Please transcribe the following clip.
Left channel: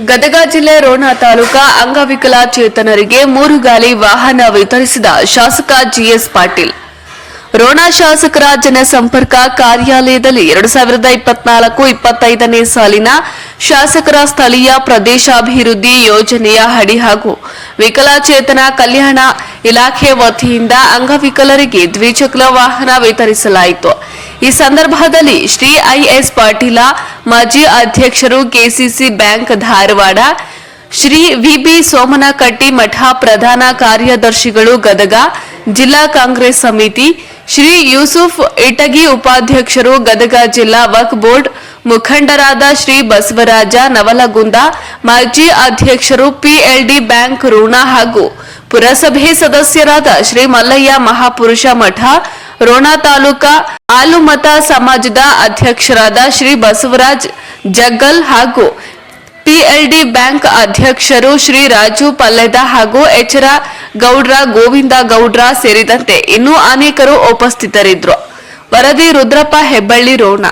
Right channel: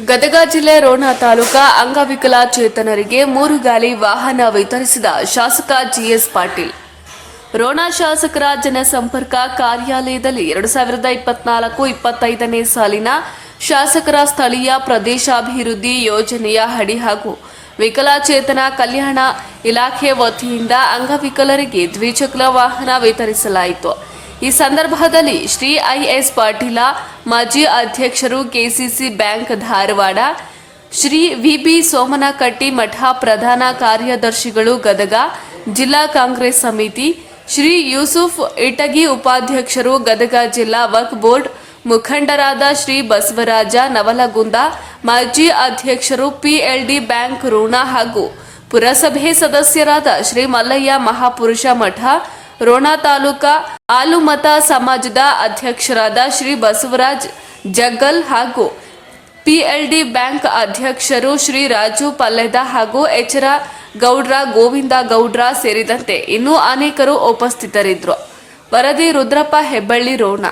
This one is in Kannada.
ಗದಗ ಜಿಲ್ಲೆ ರೋಣ ತಾಲೂಕಾ ಅಂಗವಿಕಲಚೇತನರಿಗೆ ಮೂರು ಗಾಲಿ ವಾಹನ ವಿತರಿಸಿದ ಶಾಸಕ ಜಿಎಸ್ ಪಾಟೀಲ್. ರೋಣ ಶಾಸಕರ ಜನಸಂಪರ್ಕ ಕಾರ್ಯಾಲಯದಲ್ಲಿ ಎರಡು ಸಾವಿರದ ಇಪ್ಪತ್ನಾಲ್ಕು, ಇಪ್ಪತ್ತೈದನೇ ಸಾಲಿನ ಶಾಸಕರ ಸ್ಥಳೀಯ ಪ್ರದೇಶಾಭಿವೃದ್ಧಿ ಯೋಜನೆಯ ಅಡಿ ಹಾಗೂ ವಿಕಲಚೇತನ ಕಲ್ಯಾಣ ಇಲಾಖೆ ವತಿಯಿಂದ ಅಂಗವಿಕಲರಿಗೆ ದ್ವಿಚಕ್ರ ವಾಹನ ವಿತರಿಸಲಾಯಿತು. ಈ ಸಂದರ್ಭದಲ್ಲಿ ಶ್ರೀ ಐಎಸ್ ಪಾಟೀಲ, ಮಾಜಿ ಅಧ್ಯಕ್ಷರು KCC bank Dharwad, Shri VB Somanakatti ಮಠ ಪ್ರಧಾನ ಕಾರ್ಯದರ್ಶಿಗಳು ಗದಗ, ಜಿಲ್ಲಾ ಕಾಂಗ್ರೆಸ್ ಸಮಿತಿ ಶ್ರೀ ಯೂಸುಫ್ ಇಟಗಿ ಉಪಾಧ್ಯಕ್ಷರು ಗದಗ ಜಿಲ್ಲಾ ವಕ್ ಬೋರ್ಡ್ ಮುಖಂಡರಾದ ಶ್ರೀ ಬಸವರಾಜ ನವಲಗುಂದ, ಮಾಜಿ ಅಧ್ಯಕ್ಷರು ಪಿಎಲ್ಡಿ ಬ್ಯಾಂಕ್ ಋಣ ಹಾಗೂ ಪುರಸಭೆ ಸದಸ್ಯರಾದ ಶ್ರೀ ಮಲ್ಲಯ್ಯ ಮಹಾಪುರುಷ ಮಠ, ರೋಣ ತಾಲೂಕಾ ಆಲುಮತ ಸಮಾಜದ ಅಧ್ಯಕ್ಷರಾದ ಶ್ರೀ ಬಸವರಾಜ್ ಜಗ್ಗಲ್ ಹಾಗೂ ಪಿಎಲ್ಡಿ ಬ್ಯಾಂಕ್ ಅಧ್ಯಕ್ಷರು ಶ್ರೀ ರಾಜು ಪಲ್ಲೆದ ಹಾಗೂ ಎಚರ ಗೌಡ್ರ ಗೋವಿಂದ ಗೌಡ್ರ ಸೇರಿದಂತೆ ಇನ್ನೂ ಅನೇಕರು ಉಪಸ್ಥಿತರಿದ್ದರು. ವರದಿ ರುದ್ರಪ್ಪ ಹೆಬ್ಬಳ್ಳಿ ರೋಣ.